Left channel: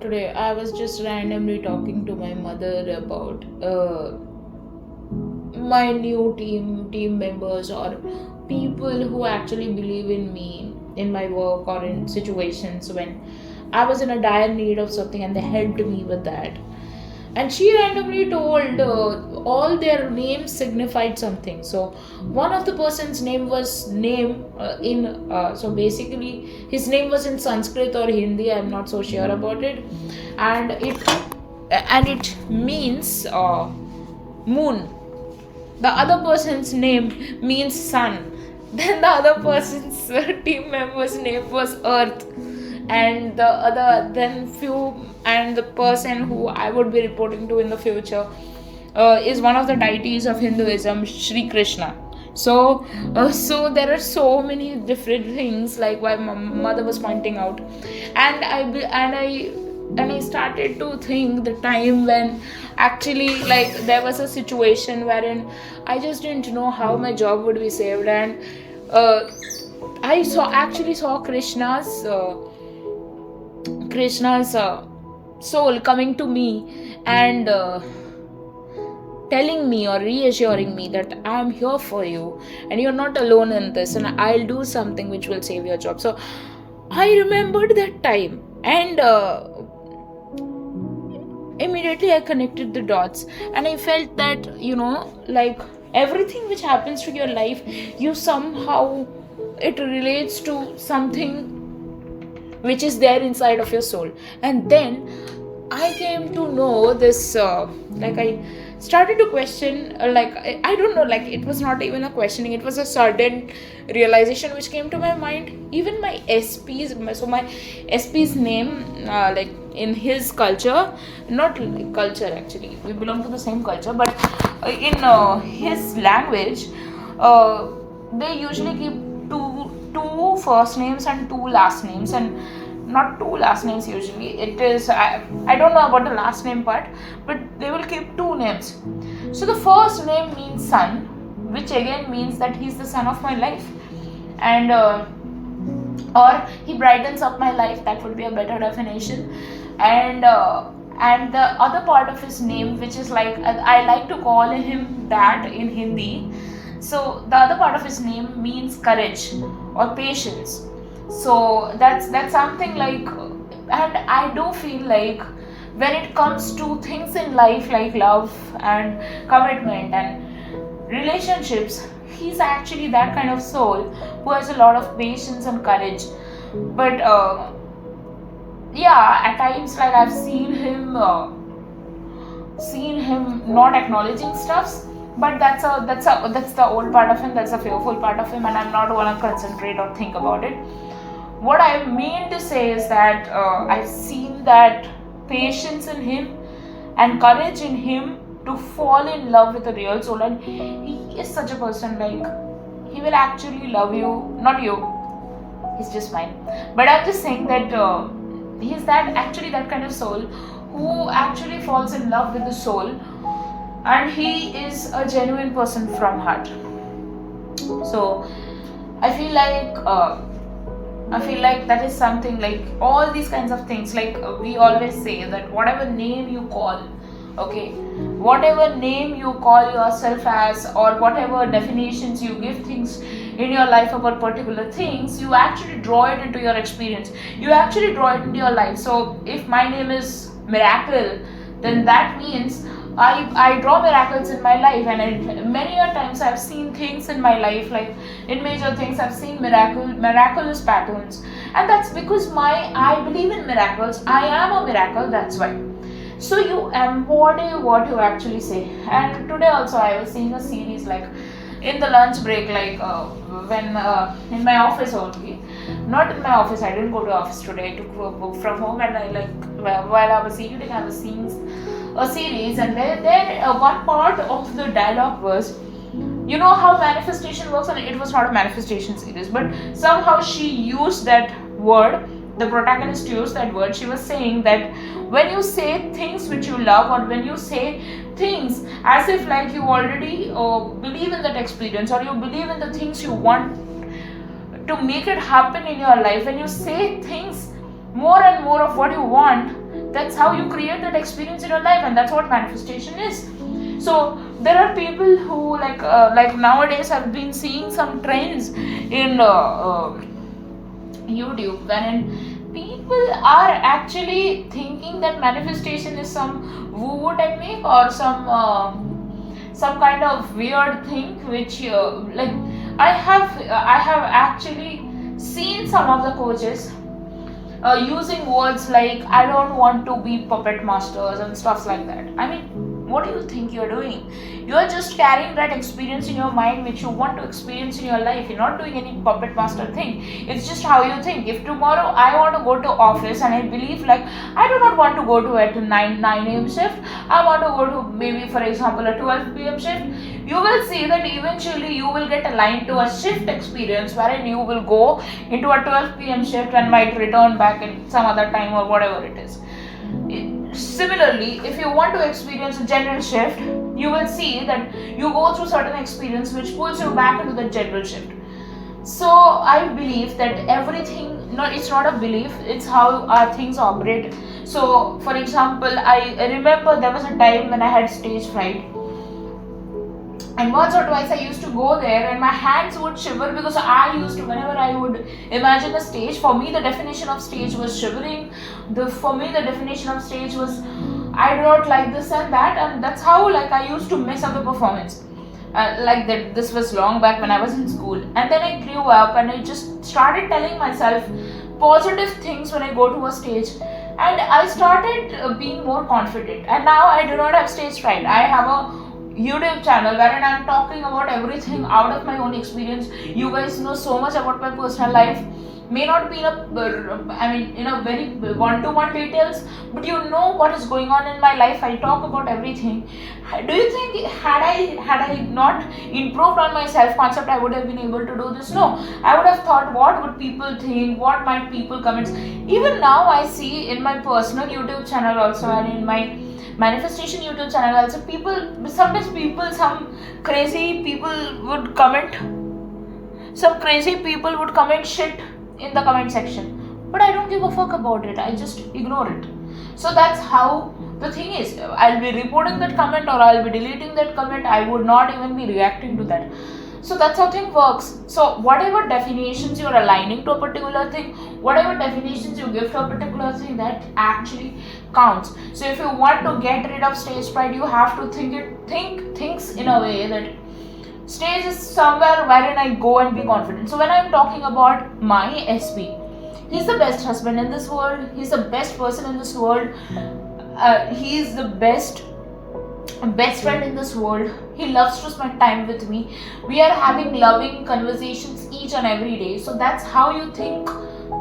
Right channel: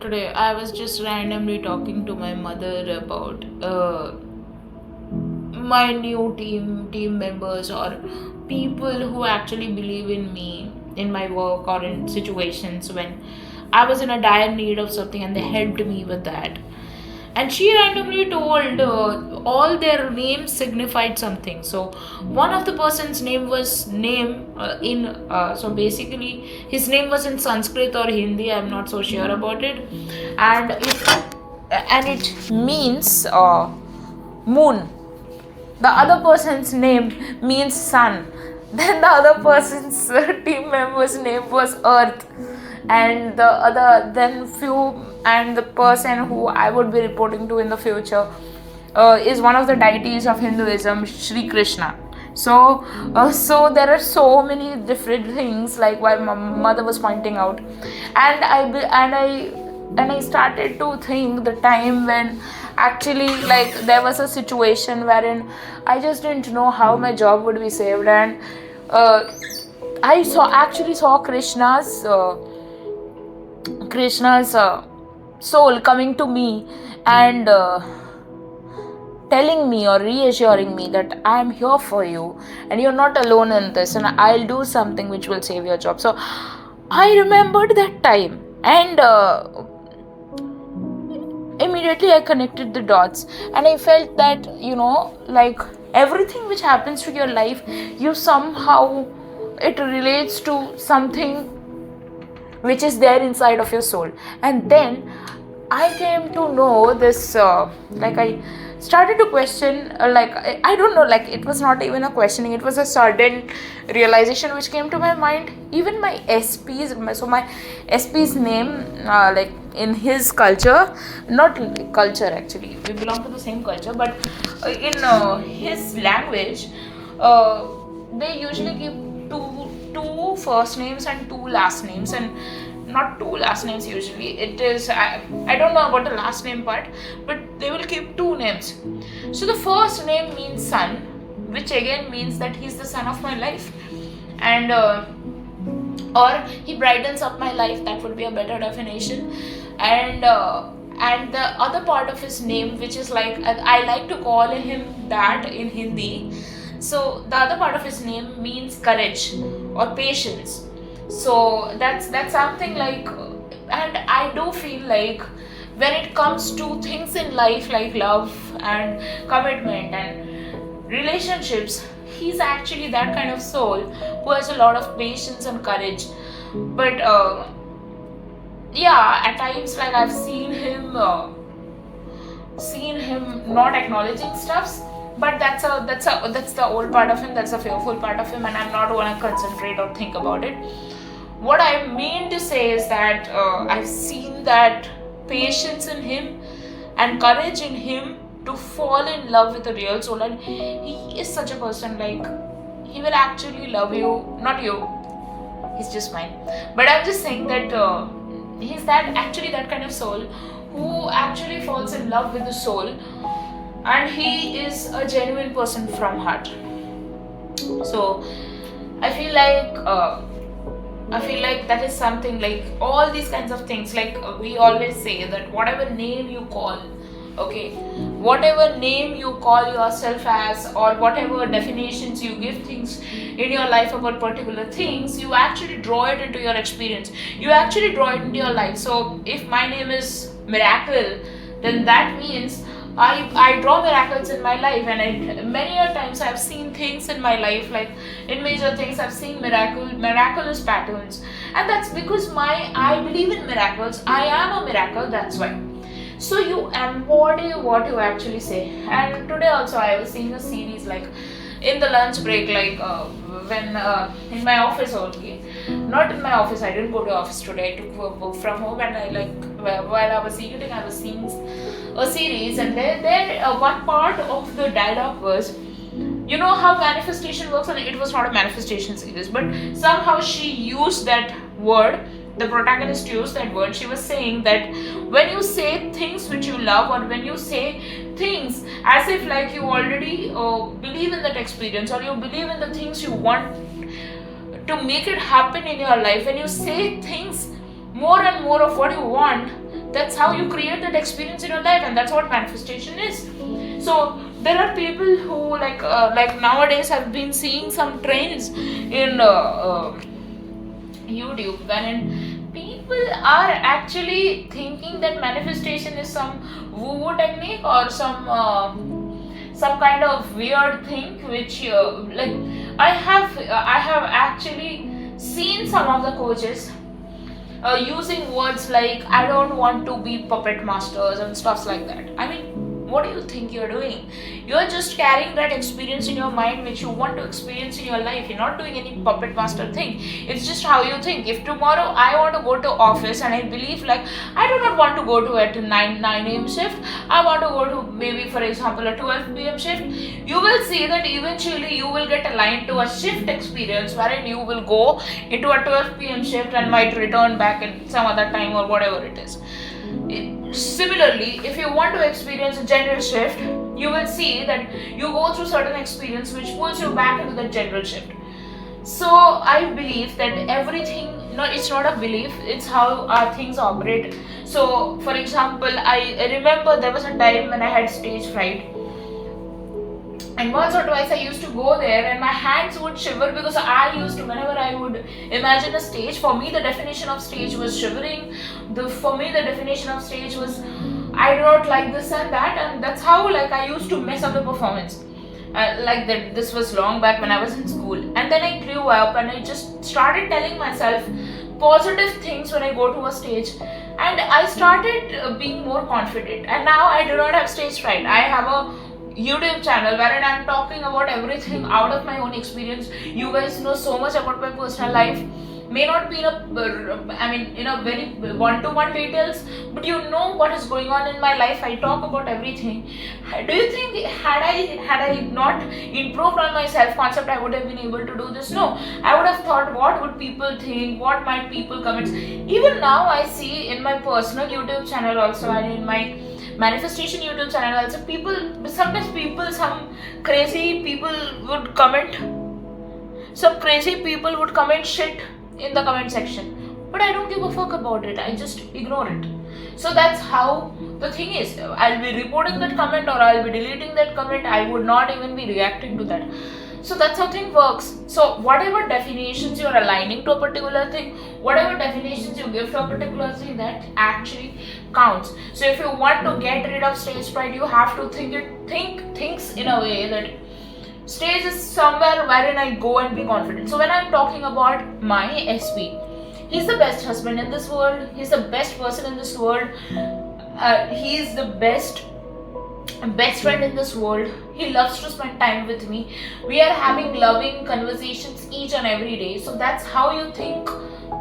Today I was just randomly talking to my mother about my new team members or people who actually believe in me in my work or in situations when I was in a dire need of something and they helped me with that. And she randomly told all their names signified something. So one of the person's name was name in so basically his name was in Sanskrit or Hindi. I'm not so sure about it, and it means moon. The other person's name means sun. Then the other person's team member's name was earth, and the person who I would be reporting to in the future is one of the deities of Hinduism, Sri Krishna. So there are so many different things like what my mother was pointing out, and I started to think the time when actually like there was a situation wherein I just didn't know how my job would be saved, and uh, I saw Krishna's soul coming to me and telling me or reassuring me that I am here for you and you're not alone in this, and I'll do something which will save your job. So I remembered that time, and immediately I connected the dots, and I felt that like everything which happens to your life, you somehow it relates to something which is there inside of your soul. And then I came to know this, I started to question, I don't know, like it was not even a questioning, it was a sudden realization which came to my mind. Even my SP's name, like in his culture, not culture actually, we belong to the same culture, but in his language, they usually give two first names and two last names, and not two last names usually. It is I don't know about the last name part, but they will keep two names. So the first name means son, which again means that he's the son of my life, and or he brightens up my life. That would be a better definition. And the other part of his name, which is like I like to call him that in Hindi. So the other part of his name means courage or patience. So that's something like, and I do feel like when it comes to things in life like love and commitment and relationships, he's actually that kind of soul who has a lot of patience and courage. But yeah, at times like I've seen him not acknowledging stuffs, but that's the old part of him, that's the fearful part of him, and I'm not going to concentrate or think about it. What I mean to say is that I've seen that patience in him and courage in him to fall in love with a real soul, and he is such a person, like he will actually love you, not you, he's just mine, but I'm just saying that he's that kind of soul who actually falls in love with the soul, and he is a genuine person from heart. So I feel like that is something like all these kinds of things, like we always say that whatever name you call, okay, whatever name you call yourself as, or whatever definitions you give things in your life about particular things, you actually draw it into your experience, you actually draw it into your life. So if my name is Miracle, then that means I draw miracles in my life, and many a times I've seen things in my life, like in major things I've seen miraculous patterns, and that's because I believe in miracles. I am a miracle. That's why. So you embody what you actually say. And today also I was seeing a series like in the lunch break, like when in my office only, not in my office. I didn't go to office today. I took a book from home, and I like while I was eating, I was seeing a series, and there one part of the dialogue was, you know how manifestation works, and it was not a manifestation series, but somehow she used that word, the protagonist used that word. She was saying that when you say things which you love, or when you say things as if like you already believe in that experience, or you believe in the things you want to make it happen in your life, when you say things more and more of what you want, That's how you create that experience in your life, and that's what manifestation is. So there are people who like nowadays I've been seeing some trends in YouTube, wherein people are actually thinking that manifestation is some woo-woo technique or some kind of weird thing, which like I have actually seen some of the coaches using words like I don't want to be puppet masters and stuff like that. I mean, what do you think you're doing? You're just carrying that experience in your mind which you want to experience in your life. You're not doing any puppet master thing. It's just how you think. If tomorrow I want to go to office and I believe like I do not want to go to a 9 a.m. shift, I want to go to maybe for example a 12 p.m. shift, you will see that eventually you will get aligned to a shift experience wherein you will go into a 12 p.m. shift and might return back in some other time or whatever it is. Similarly, if you want to experience a general shift, you will see that you go through certain experience which pulls you back into the general shift. So I believe that everything, no, it's not a belief, it's how our things operate. So for example, I remember there was a time when I had stage fright, and once or twice I used to go there and my hands would shiver because I used to, whenever I would imagine a stage, for me the definition of stage was shivering. For me the definition of stage was I do not like this and that, and that's how like I used to mess up the performance. Like that, this was long back when I was in school, and then I grew up and I just started telling myself positive things when I go to a stage, and I started being more confident, and now I do not have stage fright. I have a YouTube channel wherein I'm talking about everything out of my own experience. You guys know so much about my personal life. May not be in a very one-to-one details, but you know what is going on in my life. I talk about everything. Do you think had I not improved on my self-concept, I would have been able to do this? No, I would have thought, what would people think? What might people comment? Even now, I see in my personal YouTube channel also, and in my manifestation YouTube channel also, some crazy people would comment, shit in the comment section, but I don't give a fuck about it. I just ignore it. So that's how the thing is. I'll be reporting that comment or I'll be deleting that comment. I would not even be reacting to that. So that's how thing works. So whatever definitions you're aligning to a particular thing, whatever definitions you give to a particular thing, that actually counts. So if you want to get rid of stage fright, you have to think things in a way that stage is somewhere wherein I go and be confident. So when I'm talking about my SP, he's the best husband in this world. He's the best person in this world. He's the best friend in this world. He loves to spend time with me. We are having loving conversations each and every day. So that's how you think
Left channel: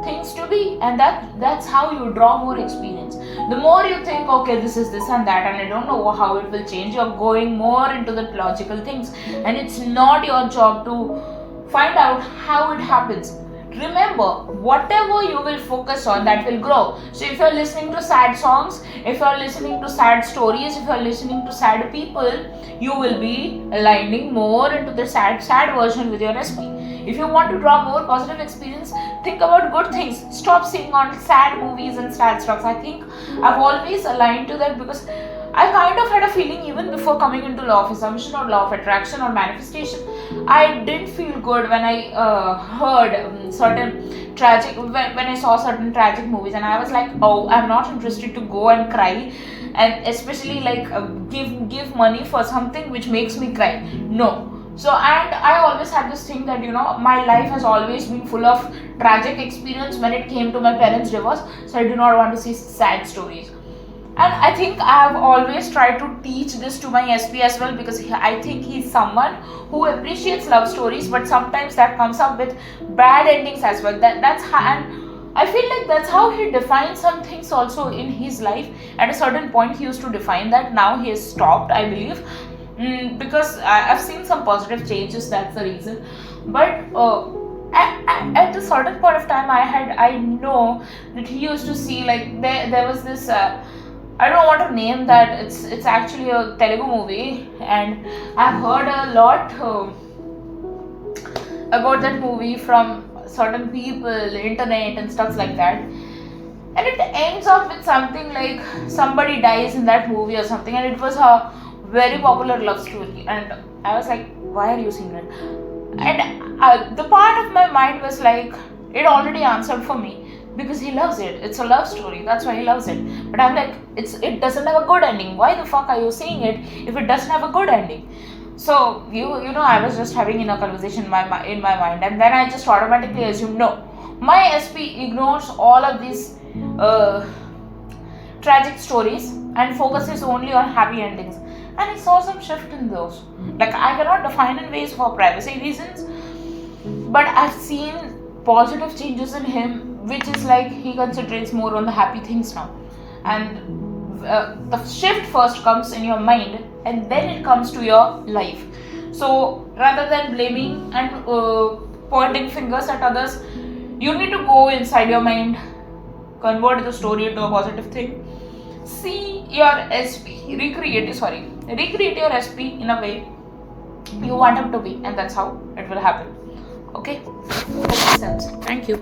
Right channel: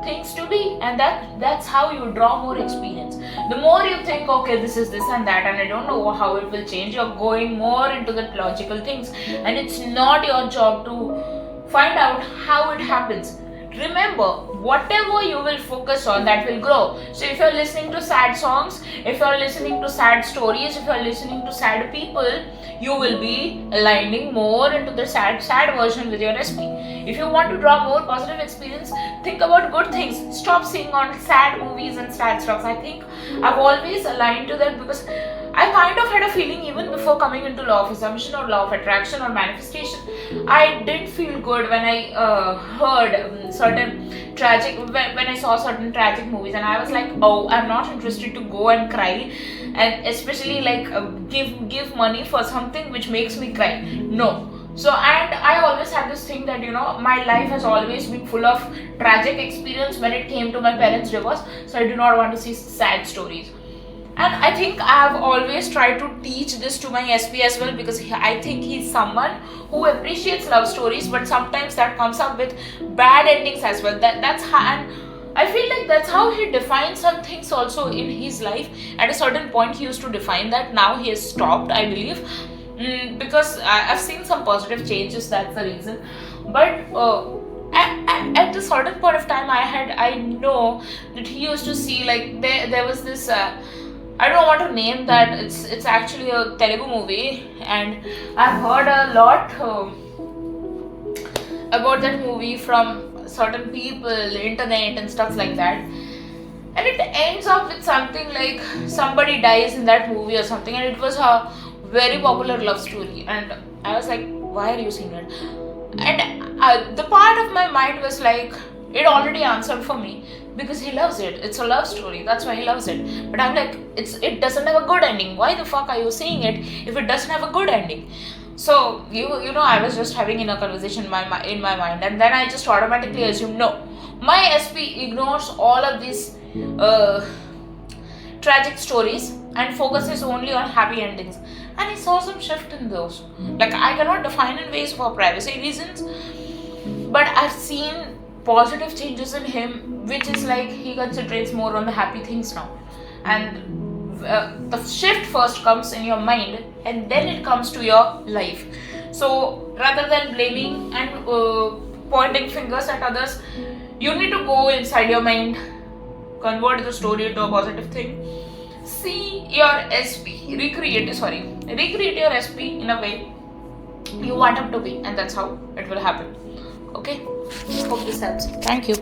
things to be, and that's how you draw more experience. The more you think, okay, this is this and that, and I don't know how it will change, you're going more into the logical things, and it's not your job to find out how it happens. Remember, whatever you will focus on, that will grow. So if you're listening to sad songs, if you're listening to sad stories, if you're listening to sad people, you will be aligning more into the sad version with your SP. If you want to draw more positive experience, think about good things. Stop seeing on sad movies and sad stuff. I think I've always aligned to that because I kind of had a feeling even before coming into law of assumption or law of attraction or manifestation. I didn't feel good when I heard certain tragic, when I saw certain tragic movies, and I was like, oh, I'm not interested to go and cry, and especially like give money for something which makes me cry. No. So, and I always had this thing that, my life has always been full of tragic experience when it came to my parents' divorce. So I do not want to see sad stories. And I think I have always tried to teach this to my SP as well, because I think he's someone who appreciates love stories, but sometimes that comes up with bad endings as well. That's how, and I feel like that's how he defines some things also in his life. At a certain point, he used to define that. Now he has stopped, I believe. Because I've seen some positive changes, that's the reason. But at a certain point of time, I know that he used to see, like, there was this I don't know what to name that. It's actually a Telugu movie, and I've heard a lot about that movie from certain people, internet and stuff like that. and it ends up with something like somebody dies in that movie or something, and it was a very popular love story, and I was like, why are you seeing it? And the part of my mind was like, it already answered for me, because he loves it, it's a love story, that's why he loves it. But I'm like, it doesn't have a good ending, why the fuck are you seeing it if it doesn't have a good ending? So I was just having in a conversation in my mind, and then I just automatically assumed, no, my SP ignores all of these uh, tragic stories and focuses only on happy endings. And I saw some shift in those. Like, I cannot define in ways for privacy reasons, but I've seen positive changes in him, which is like he concentrates more on the happy things now. And the shift first comes in your mind, and then it comes to your life. So rather than blaming and pointing fingers at others, you need to go inside your mind, convert the story into a positive thing, see your SP, recreate your SP in a way you want him to be, and that's how it will happen. Okay, hope this helps. Thank you.